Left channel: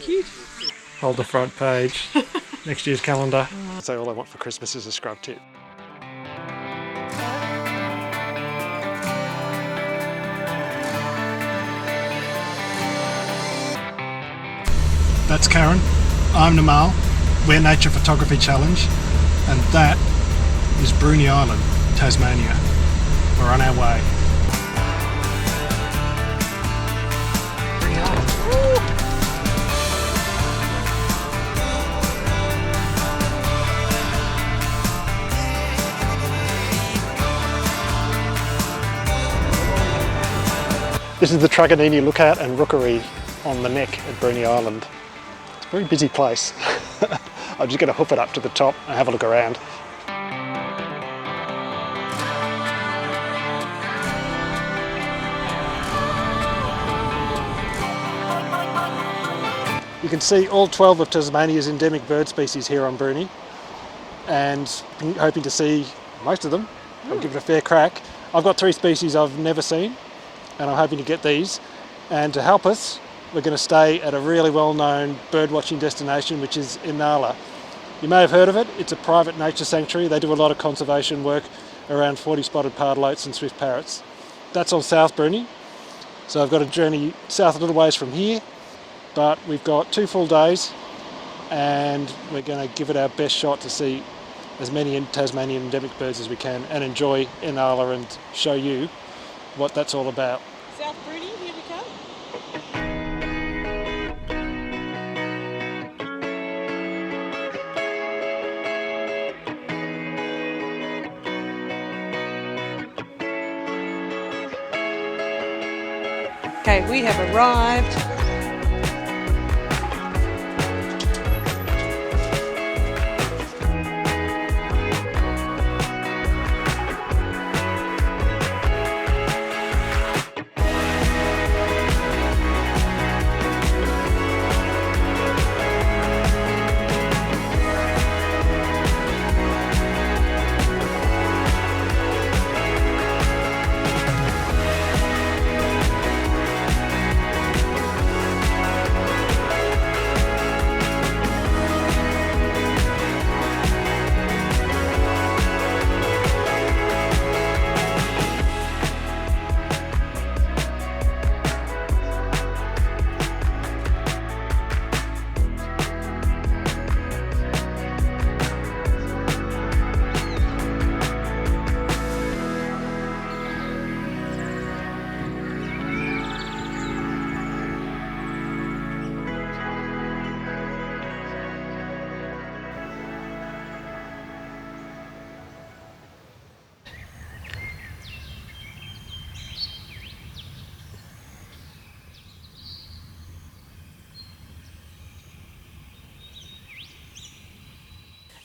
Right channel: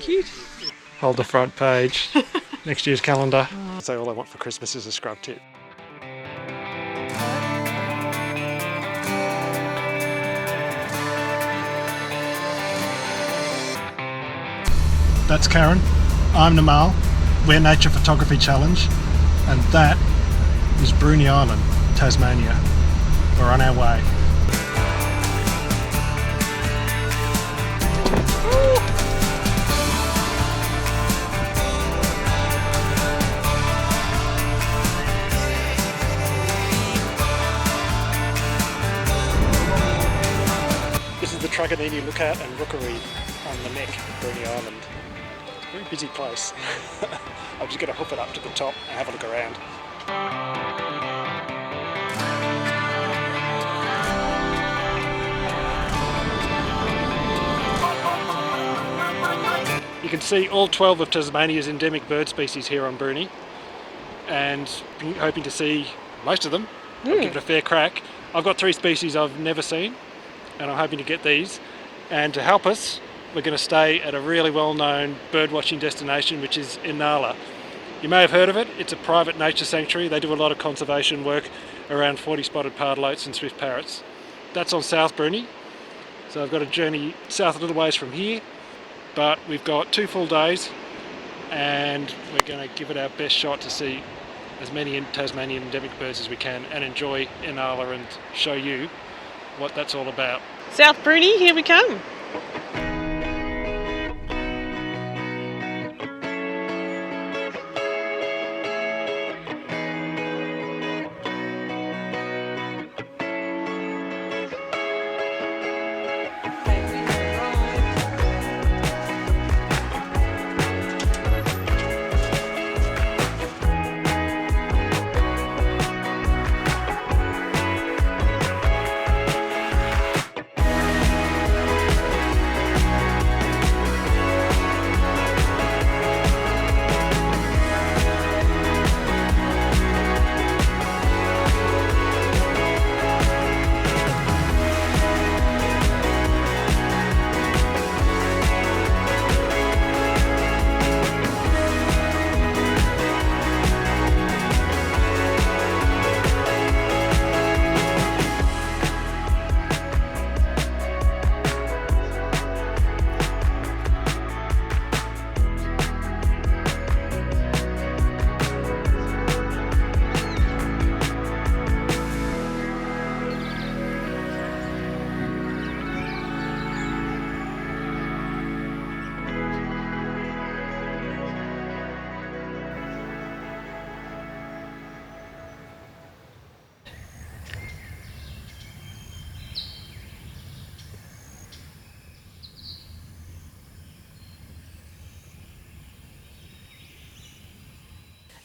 Cute. Hold the front page. Next year's calendar. So all I want for Christmas is a scrub tip. That's Karen. I'm Namal. We're Nature Photography Challenge. And that is Bruny Island, Tasmania. We're on our way. This is the Truganini Lookout and Rookery on the neck of Bruny Island. It's a very busy place. I'm just going to hoof it up to the top and have a look around. You can see all 12 of Tasmania's endemic bird species here on Bruny, and hoping to see most of them. I'll give it a fair crack. I've got 3 species I've never seen, and I'm hoping to get these. And to help us, we're going to stay at a really well-known bird watching destination, which is Inala. You may have heard of it. It's a private nature sanctuary. They do a lot of conservation work around 40-spotted Pardalotes and swift parrots. That's on South Bruny. So I've got a journey south a little ways from here, but we've got 2 full days, and we're going to give it our best shot to see as many Tasmanian endemic birds as we can and enjoy Inala and show you what that's all about. South Bruny, here we come. Okay, we have arrived.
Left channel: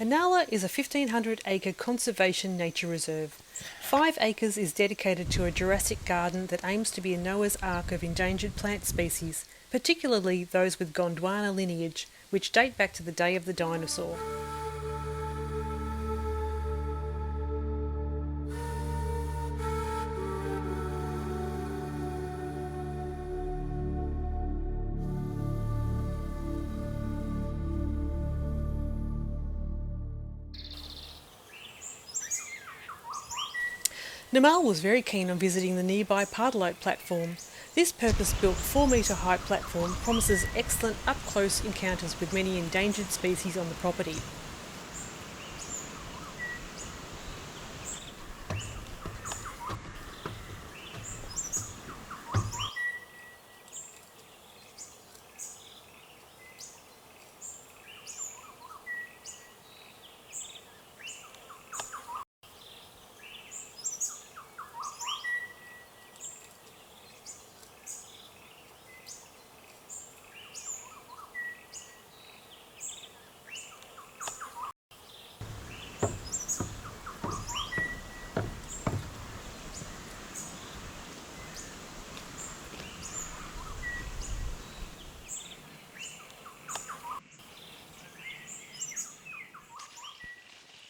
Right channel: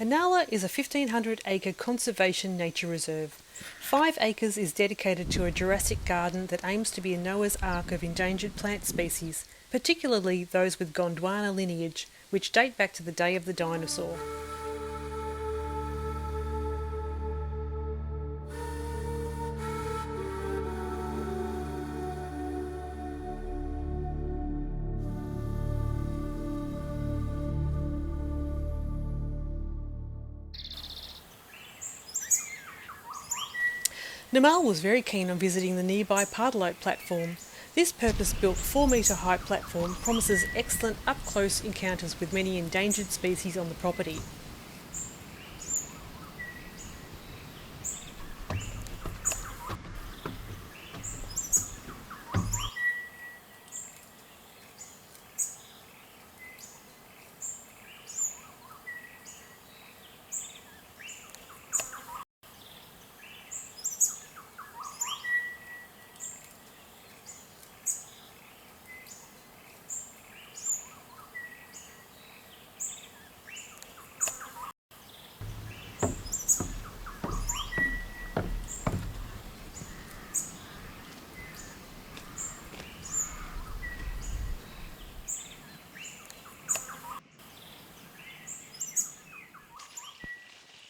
Inala is a 1,500-acre conservation nature reserve. 5 acres is dedicated to a Jurassic garden that aims to be a Noah's Ark of endangered plant species, particularly those with Gondwana lineage, which date back to the day of the dinosaur. Namal was very keen on visiting the nearby Pardalote platform. This purpose-built 4-metre high platform promises excellent up-close encounters with many endangered species on the property.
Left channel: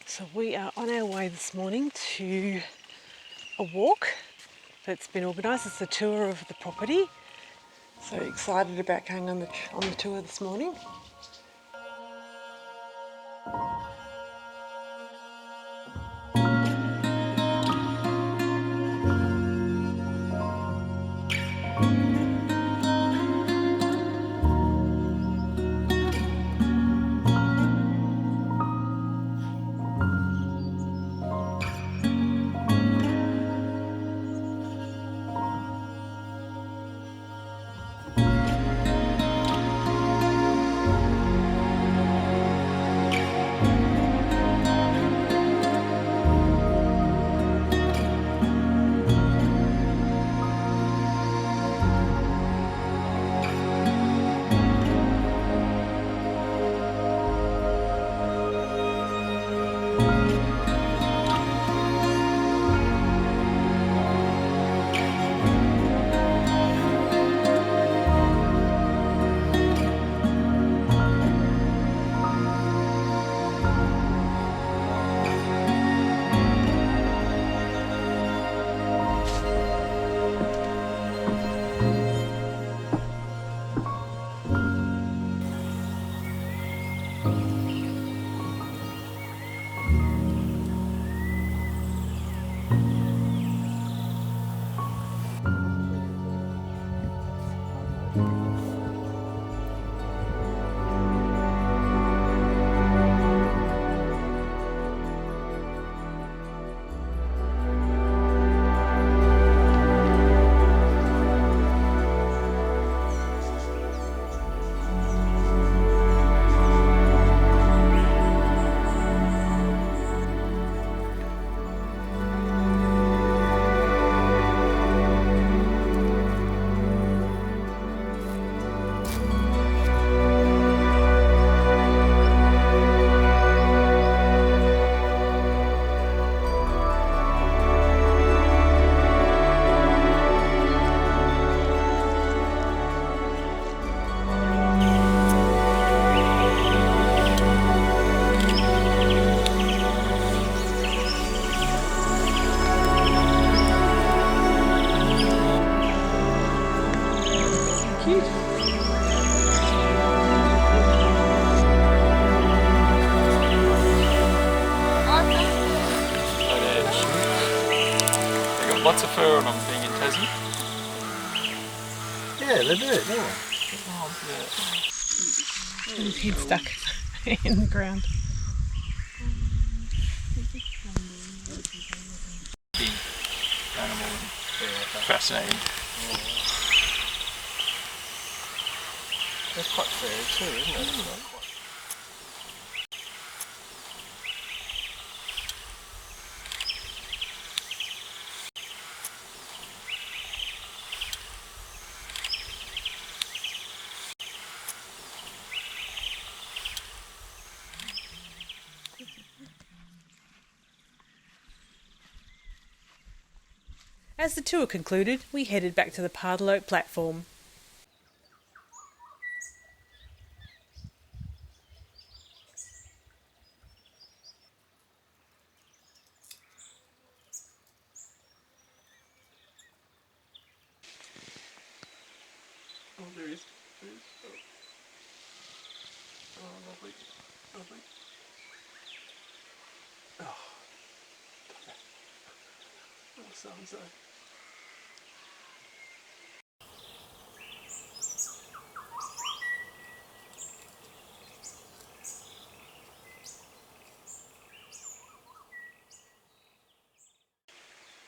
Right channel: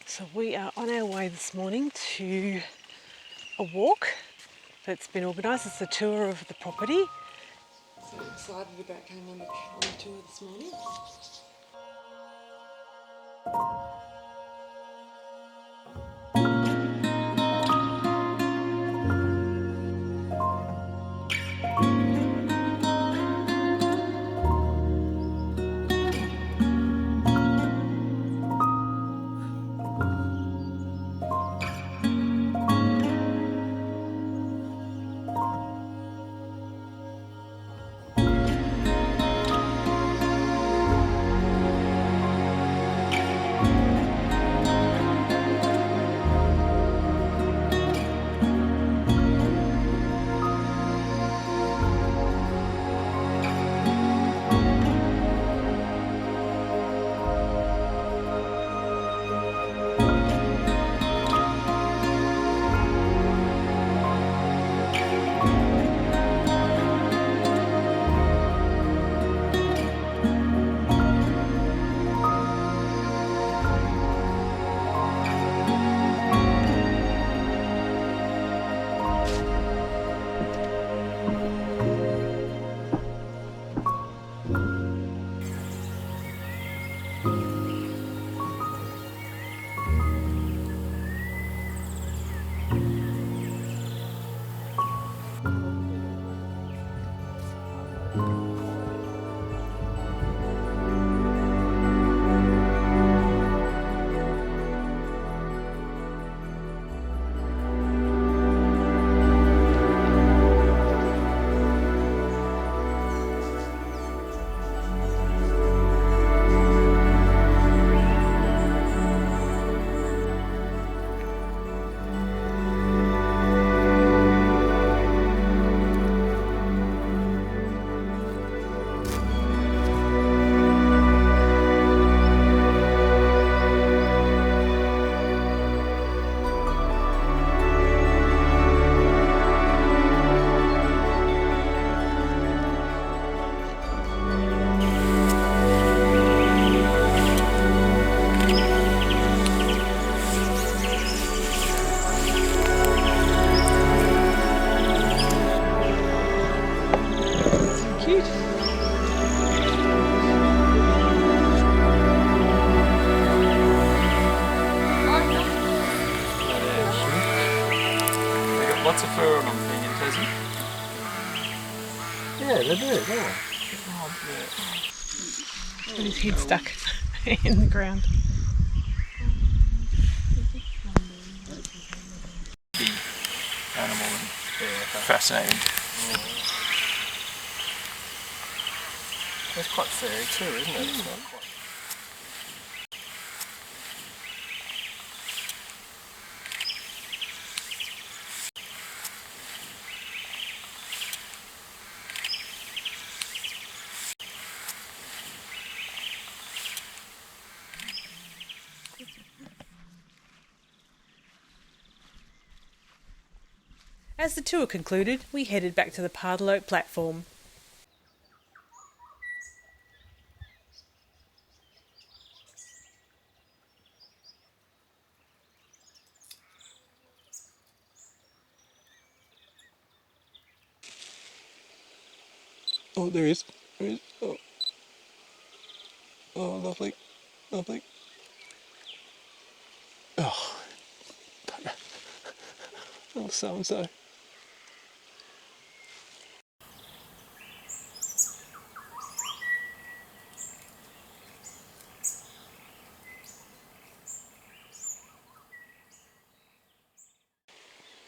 So we are on our way this morning to a walk that's been organised. It's a tour of the property. So excited about going on the tour this morning. Cute. They got lots of fur on them being in Tassie. Yeah, they do, don't they? Oh, yeah. With his head stuck in the ground. Animal and fascinating. That's quite furry too, isn't it? It's not quite... As the tour concluded, we headed back to the Pardalote platform. Oh, there is. There is. Oh. Oh, lovely. Lovely. Oh. Oh, so-and-so.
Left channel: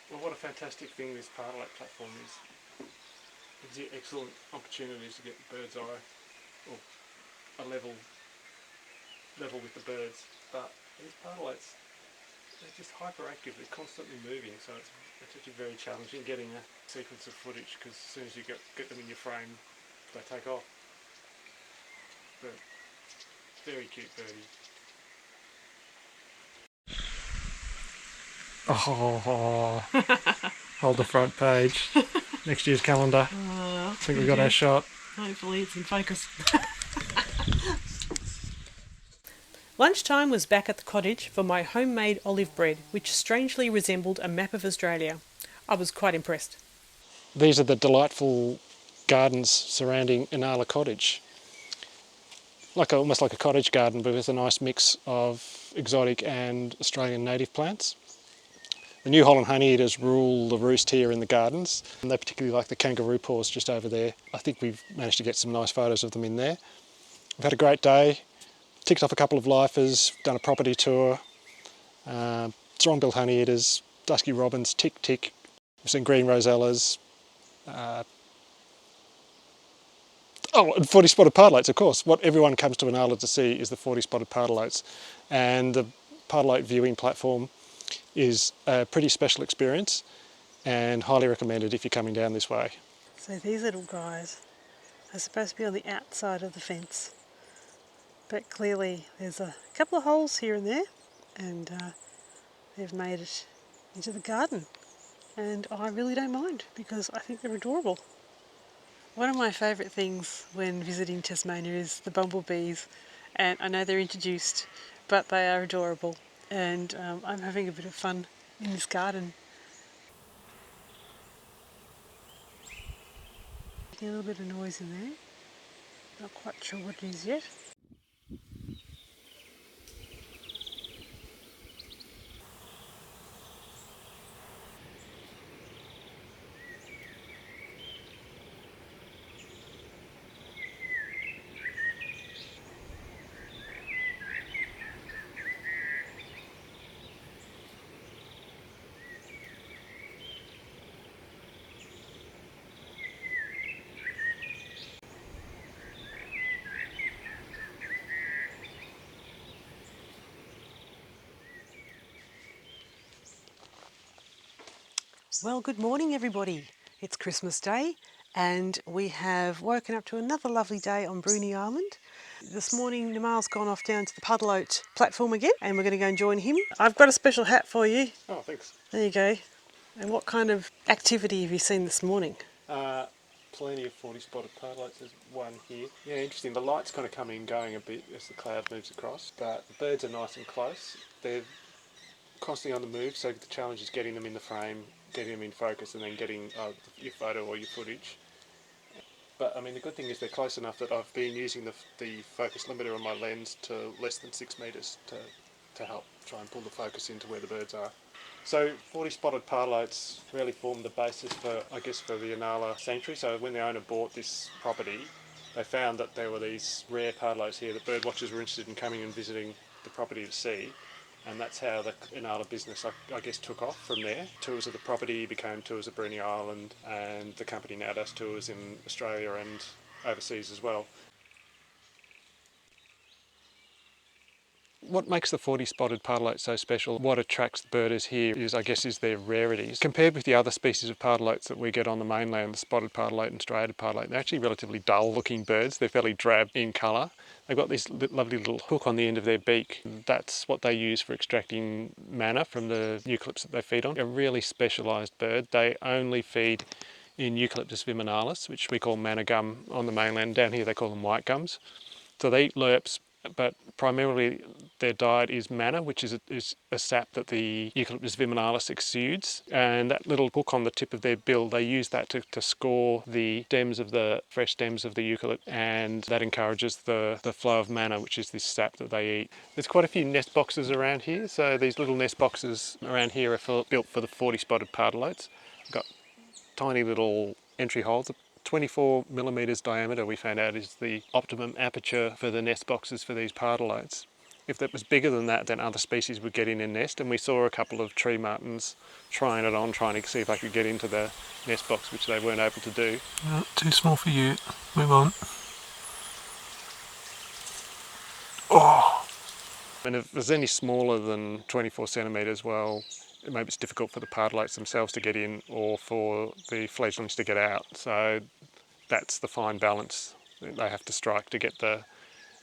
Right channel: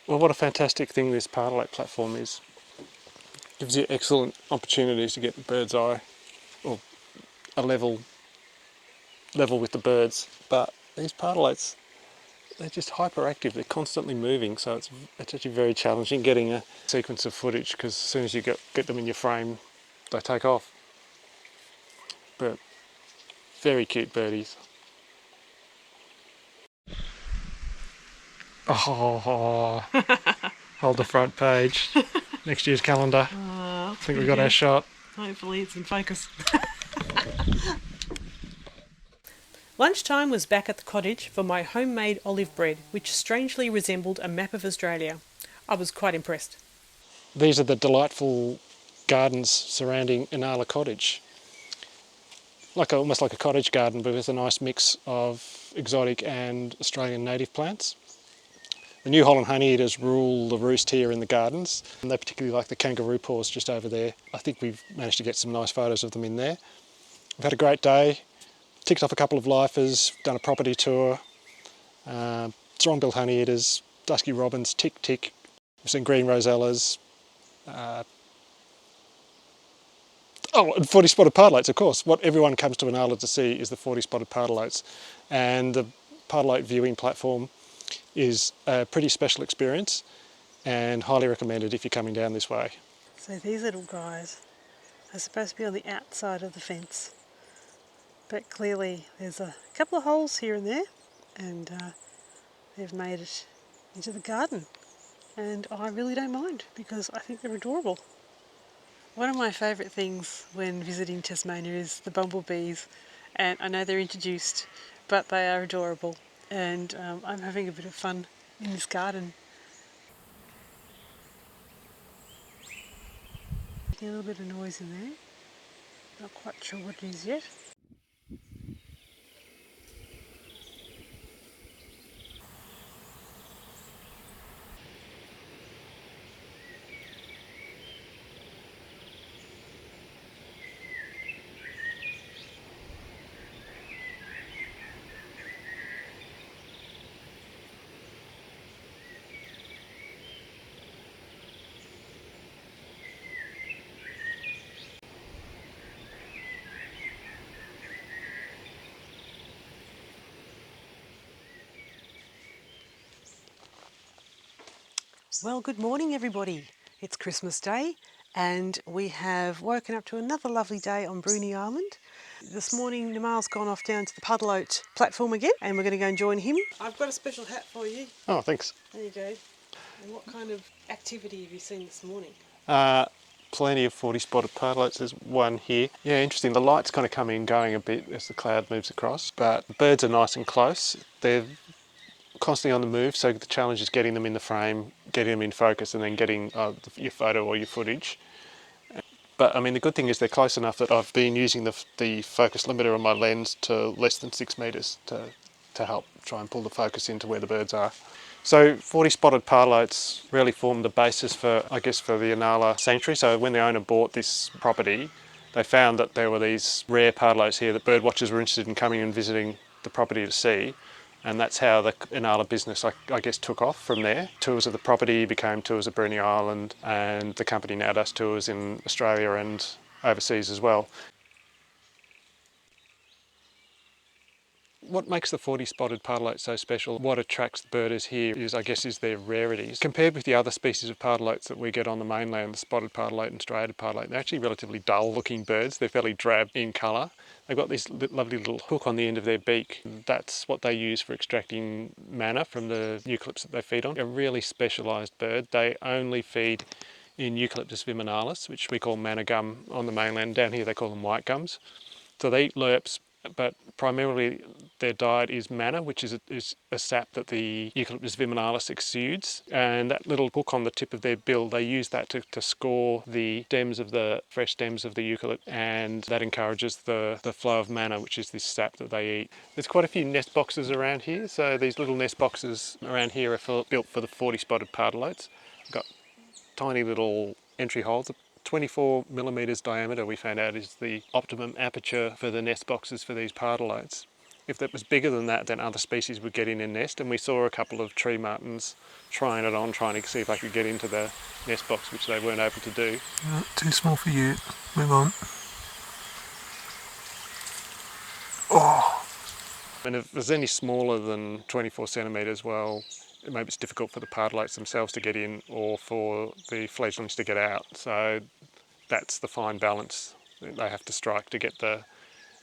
Well, what a fantastic thing this Pardalote platform is. Gives you excellent opportunities to get bird's eye, or a level with the birds. But these Pardalotes, they're just hyperactive. They're constantly moving, so it's actually very challenging getting a sequence of footage, because as soon as you get them in your frame, they take off. But very cute birdies. Oh, hold the front page. Next year's calendar. I think we got our shot. Hopefully it's in focus. Lunchtime was back at the cottage for my homemade olive bread, which strangely resembled a map of Australia. I was quite impressed. These are the delightful gardens surrounding Inala Cottage. Almost like a cottage garden, but with a nice mix of exotic and Australian native plants. The New Holland honeyeaters rule the roost here in the gardens, and they particularly like the kangaroo paws just over there. I think we've managed to get some nice photos of them in there. We've had a great day, ticked off a couple of lifers, done a property tour, Strong-billed Honeyeaters, Dusky Robins, tick. We've seen green rosellas, and 40-spotted Pardalotes, of course. What everyone comes to Inala to see is the 40-spotted Pardalotes, and the Pardalote viewing platform is a pretty special experience and highly recommended if you're coming down this way. So these little guys are supposed to be on the outside of the fence, but clearly there's a couple of holes here and there, and they've made it into the garden. And I really don't mind because I think they're adorable. One of my favourite things when visiting Tasmania is the bumblebees, and I know they're introduced, but they are adorable, and I'm having a bit of fun in this garden. A little bit of noise in there, not quite sure what it is yet. Well, good morning everybody. It's Christmas Day and we have woken up to another lovely day on Bruny Island. This morning Nimal's gone off down to the Pardalote platform again and we're going to go and join him. I've got a special hat for you. Oh, thanks. There you go. And what kind of activity have you seen this morning? Plenty of 40-spotted Pardalotes. There's one here. Yeah, interesting. The light's kind of coming and going a bit as the cloud moves across, but the birds are nice and close. They're constantly on the move, so the challenge is getting them in the frame, getting them in focus, and then getting your photo or your footage. But I mean, the good thing is they're close enough that I've been using the focus limiter on my lens to less than 6 metres to help try and pull the focus into where the birds are. So 40-spotted Pardalotes really formed the basis for, I guess, for the Inala sanctuary. So when the owner bought this property, they found that there were these rare Pardalotes here that birdwatchers were interested in coming and visiting the property to see. And that's how the Inala business, I guess, took off from there. Tours of the property became tours of Bruny Island, and the company now does tours in Australia and overseas as well. What makes the 40-spotted Pardalote so special, what attracts the birders here is, I guess, is their rarities. Compared with the other species of Pardalotes that we get on the mainland, the spotted Pardalote and striated Pardalote, they're actually relatively dull looking birds. They're fairly drab in colour. They've got this lovely little hook on the end of their beak. That's what they use for extracting manna from the eucalypts that they feed on. A really specialised bird. They only feed in Eucalyptus viminalis, which we call manna gum on the mainland. Down here they call them white gums. So they eat lerps, but primarily their diet is manna, which is a sap that the Eucalyptus viminalis exudes. And that little hook on the tip of their bill, they use that to score the fresh stems of the eucalypt, and that encourages the flow of manna, which is this sap that they eat. There's quite a few nest boxes around here. So these little nest boxes around here are built for the 40-spotted Pardalotes. They've got tiny little entry holes. 24 millimetres diameter, we found out, is the optimum aperture for the nest boxes for these Pardalotes. If that was bigger than that, then other species would get in and nest, and we saw a couple of tree martins trying it on, trying to see if they could get into the nest box, which they weren't able to do. Too small for you. Move on. Oh! And if there's any smaller than 24 centimetres, well, maybe it's difficult for the Pardalotes themselves to get in or for the fledglings to get out. So that's the fine balance that they have to strike to get the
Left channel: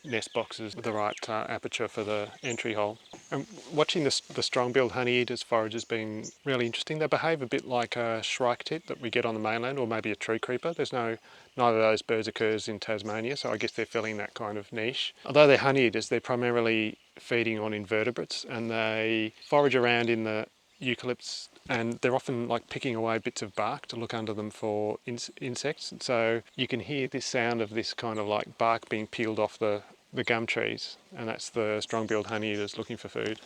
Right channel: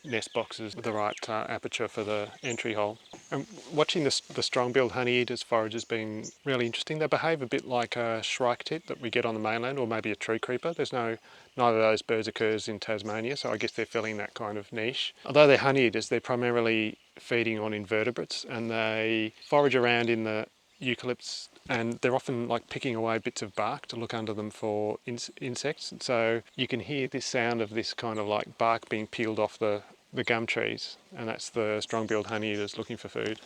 nest boxes with the right aperture for the entry hole. And watching the strong-billed honeyeaters forage has been really interesting. They behave a bit like a shrike tit that we get on the mainland, or maybe a tree creeper. Neither of those birds occurs in Tasmania, so I guess they're filling that kind of niche. Although they're honeyeaters, they're primarily feeding on invertebrates, and they forage around in the eucalypts and they're often like picking away bits of bark to look under them for insects. So you can hear this sound of this kind of like bark being peeled off the gum trees, and that's the strong-billed honeyeaters looking for food.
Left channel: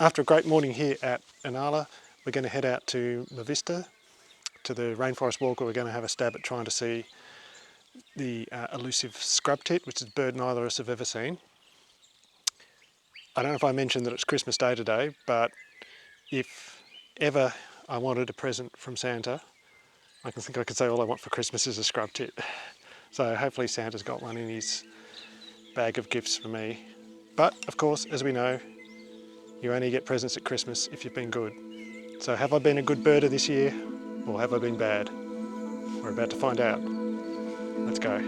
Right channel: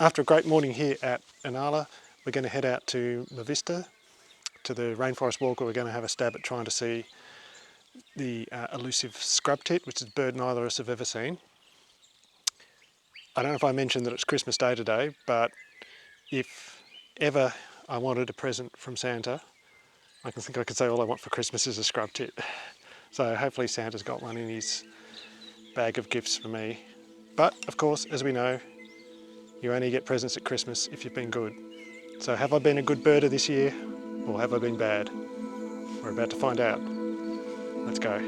After a great morning here at Inala, we're going to head out to Mavista, to the rainforest walk, where we're going to have a stab at trying to see the elusive scrub tit, which is a bird neither of us have ever seen. I don't know if I mentioned that it's Christmas Day today, but if ever I wanted a present from Santa, I think I could say all I want for Christmas is a scrub tit. So hopefully Santa's got one in his bag of gifts for me. But of course, as we know, you only get presents at Christmas if you've been good. So have I been a good birder this year, or have I been bad? We're about to find out. Let's go.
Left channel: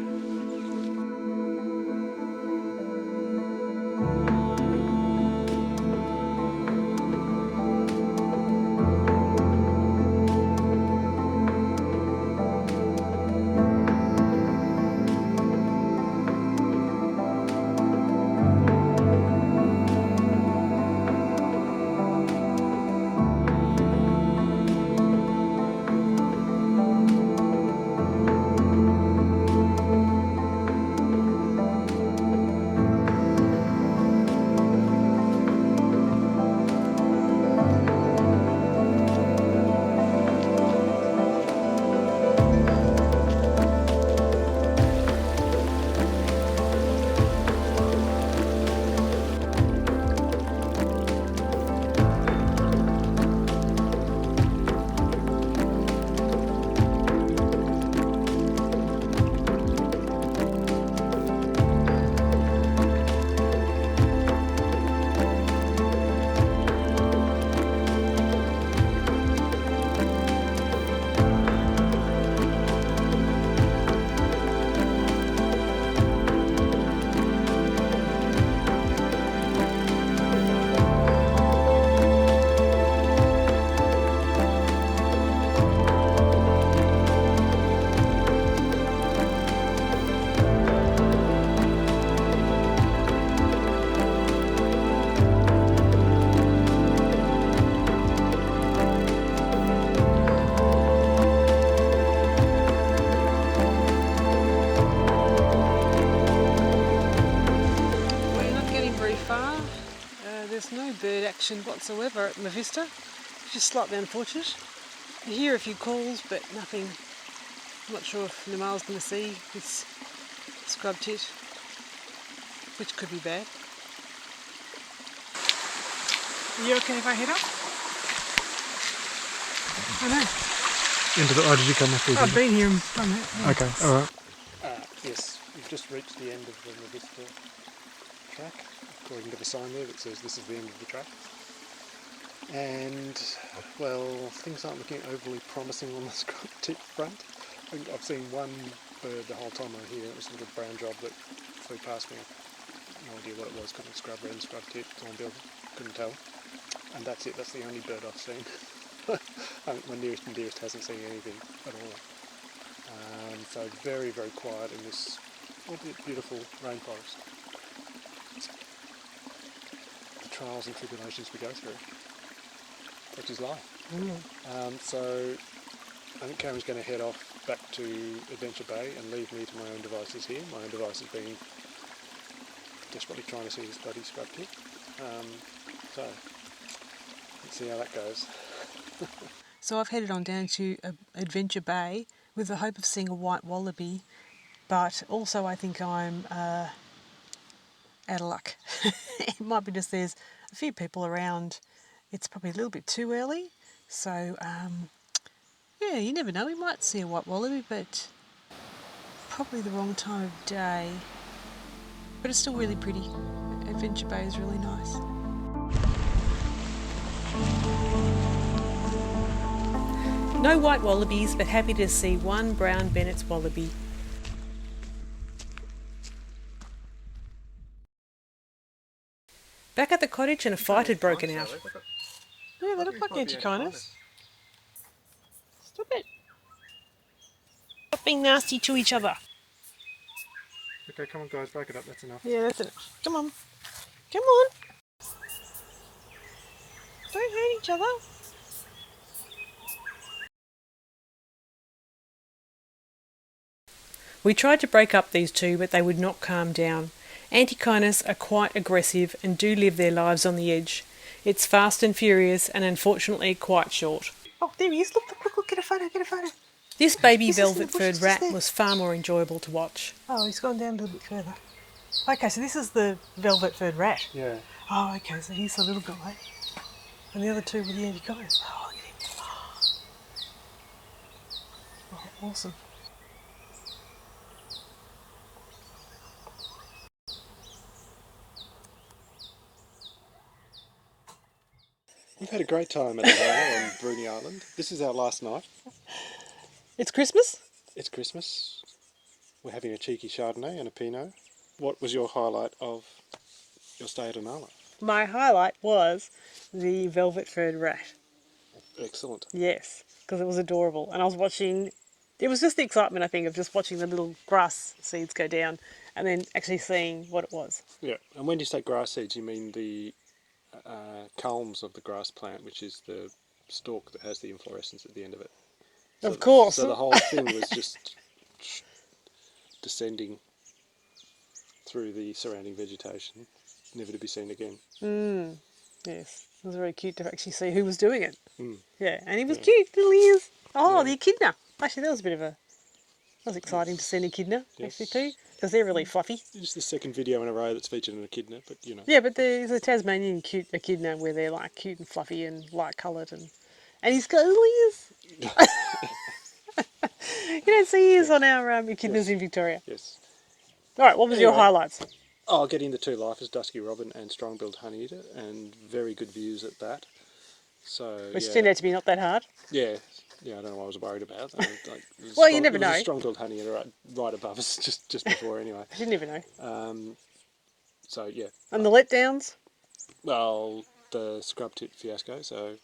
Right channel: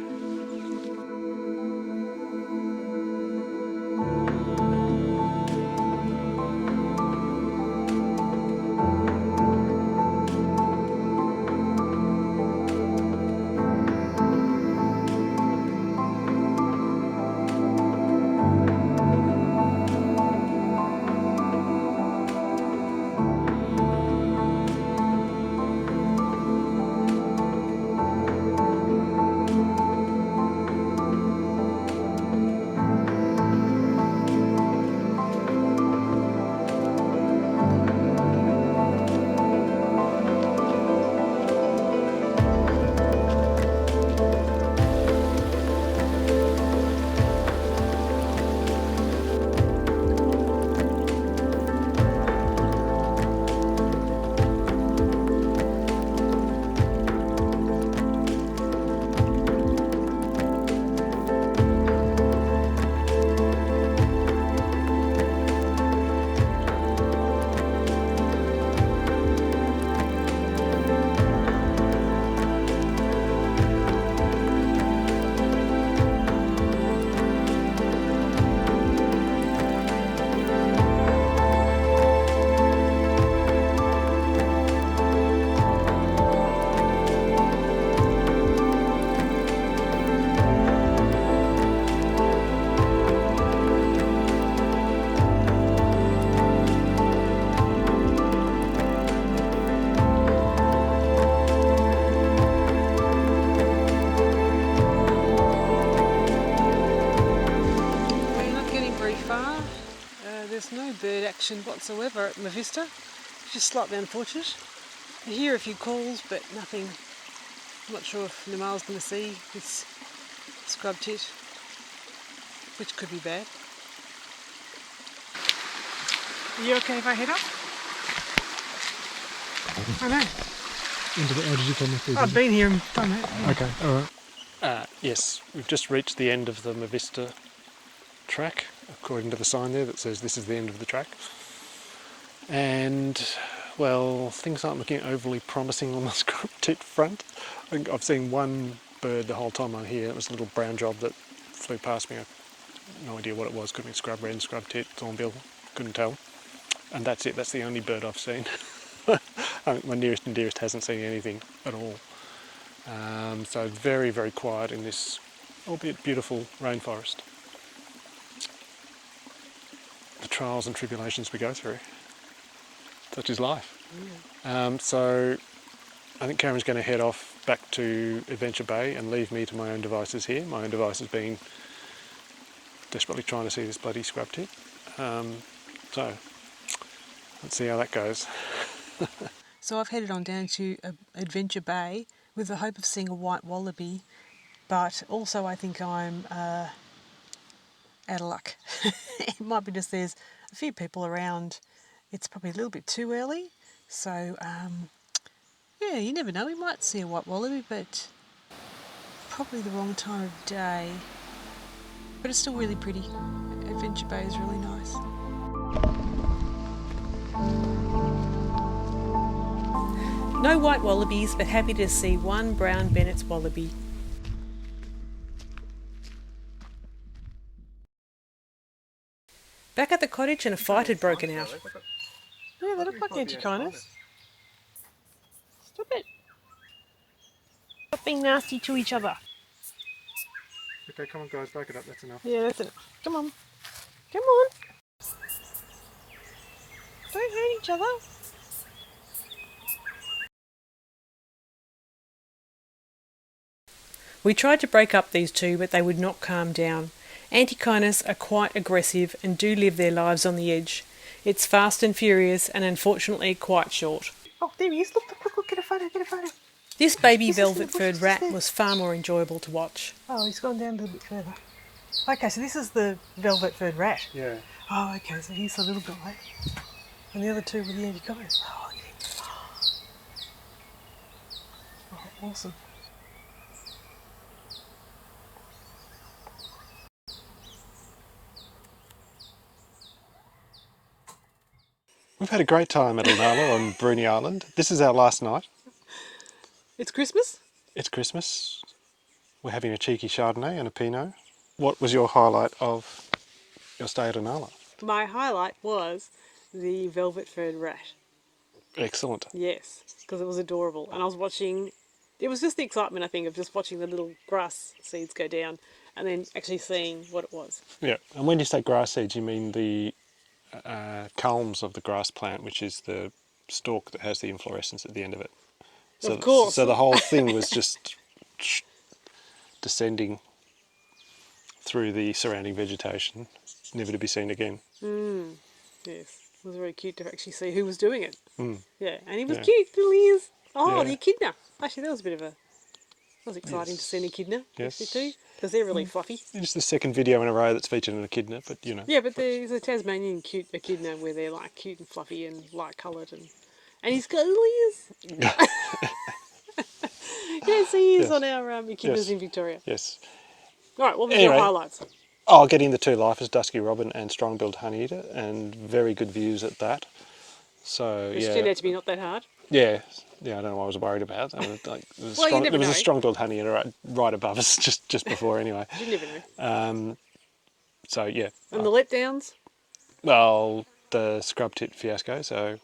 There's no bird action whatsoever at Mavista, which is slightly unfortunate. You hear a few calls, but nothing. I'm not sure if Nimal's going to see this scrub tit, which could be bad. Are you okay if I head up? I know. Did you come up here? I've been here and done that. Yeah. Okay, alright. Yes, we've just reached the end of the Mavista track, according to the sign there that says this is the end of the track. And, well, things aren't looking overly promising on the scrub tit front. I think I've seen one bird the whole time I'm here. It was a little brown job that flew past me. I had no idea what it was. Couldn't be scrub wren, scrub tit, thornbill, couldn't tell. And that's it, that's the only bird I've seen. My nearest and dearest hasn't seen anything at all. So very, very quiet in this, albeit beautiful, rainforest. The trials and tribulations we go through. Such is life. Yeah. So I think Cameron's going to head off back to Adventure Bay and leave me to my own devices here. My own devices being desperately trying to see this bloody scrub tit. So let's see how that goes. So I've headed on down to Adventure Bay with the hope of seeing a white wallaby, but also I think I'm out of luck. It might be just there's a few people around. It's probably a little bit too early, so yeah, you never know, we might see a white wallaby, but probably the wrong time of day. But it's still really pretty. Adventure Bay is really nice. No white wallabies, but happy to see one brown Bennett's wallaby. Back at the cottage and a fight had broken out. Yeah, they look like anti-kinders. Stop it. Stop being nasty to each other. Okay, come on guys, break it up, that's enough. Yeah, that's enough. Come on. Come on. Don't hurt each other. We tried to break up these two, but they would not calm down. Antechinus are quite aggressive and do live their lives on the edge. It's fast and furious and unfortunately quite short. Oh, there he is. Look, get a photo, This baby velvet-furred rat was far more enjoyable to watch. Oh, he's gone down a little bit further. Okay, so this is the velvet-furred rat. Yeah. Oh, okay, so he's the little guy. And the other two were the antechinus. Oh, look at him. Oh, awesome. We've had a great time at Inala on Bruny Island. This is our last night. It's Christmas? It's Christmas. We're having a cheeky Chardonnay and a Pinot. What was your highlight of your stay at Inala? My highlight was the velvet-furred rat. Excellent. Yes, because it was adorable. And I was watching, it was just the excitement, I think, of just watching the little grass seeds go down and then actually seeing what it was. Yeah, and when you say grass seeds, you mean the culms of the grass plant, which is the stalk that has the inflorescence at the end of it. So, of course. So the whole thing was just descending through the surrounding vegetation, never to be seen again. Yes, it was very cute to actually see who was doing it. Yeah, and he was Yeah. cute, little ears. Oh, Yeah. the echidna. Actually, that was a bit of a, that was exciting to see an echidna, Yes. actually, too, because they're really fluffy. It's the second video in a row that's featured an echidna, but you know. Yeah, but there's a Tasmanian cute echidna where they're like cute and fluffy and light coloured, and he's got little ears. You don't see ears Yes. on our echidnas Yes. in Victoria. Yes. All right, what was your Anyway. highlights? Oh, getting the two lifers, Dusky Robin and Strong-billed Honeyeater, and very good views at that. So Which yeah, turned out to be not that hard. yeah, I don't know what I was worried about. There was Well, you never there was know. a Strong-billed Honeyeater right above us, just before anyway. You never know. So yeah, And the letdowns? well, the scrub tit fiasco. So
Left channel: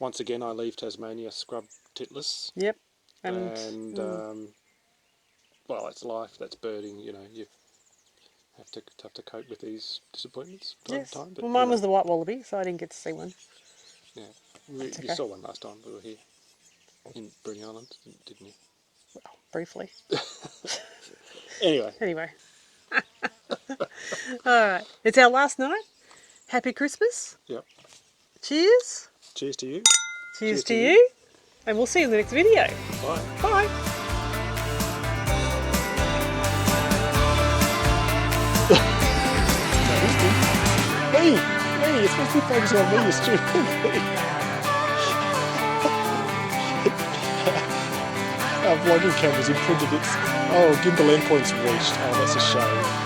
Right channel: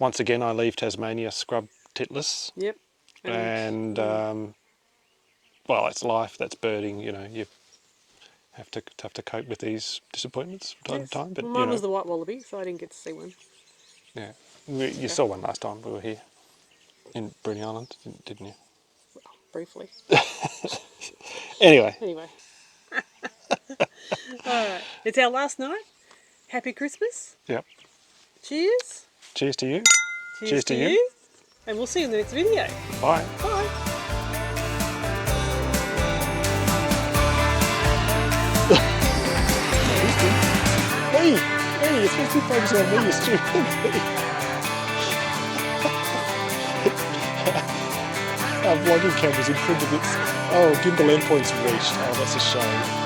once again, I leave Tasmania scrub titless, Yep. and well, that's life, that's birding. You know, you have to cope with these disappointments from time Yes. to time. But Well, you mine know, was the white wallaby, so I didn't get to see one. yeah, you saw one last time we were here in Bruny Island, didn't you? Well, briefly. Anyway, Anyway. All right. It's our last night. Happy Christmas. yep. Cheers. Cheers to you. Cheers to you. And we'll see you in the next video. Bye. Bye. Hey, it's supposed to be focusing on me, you stupid thing. Our vlogging camera's imprinted its... Oh, gimbal endpoint's reached. Oh, that's a shame.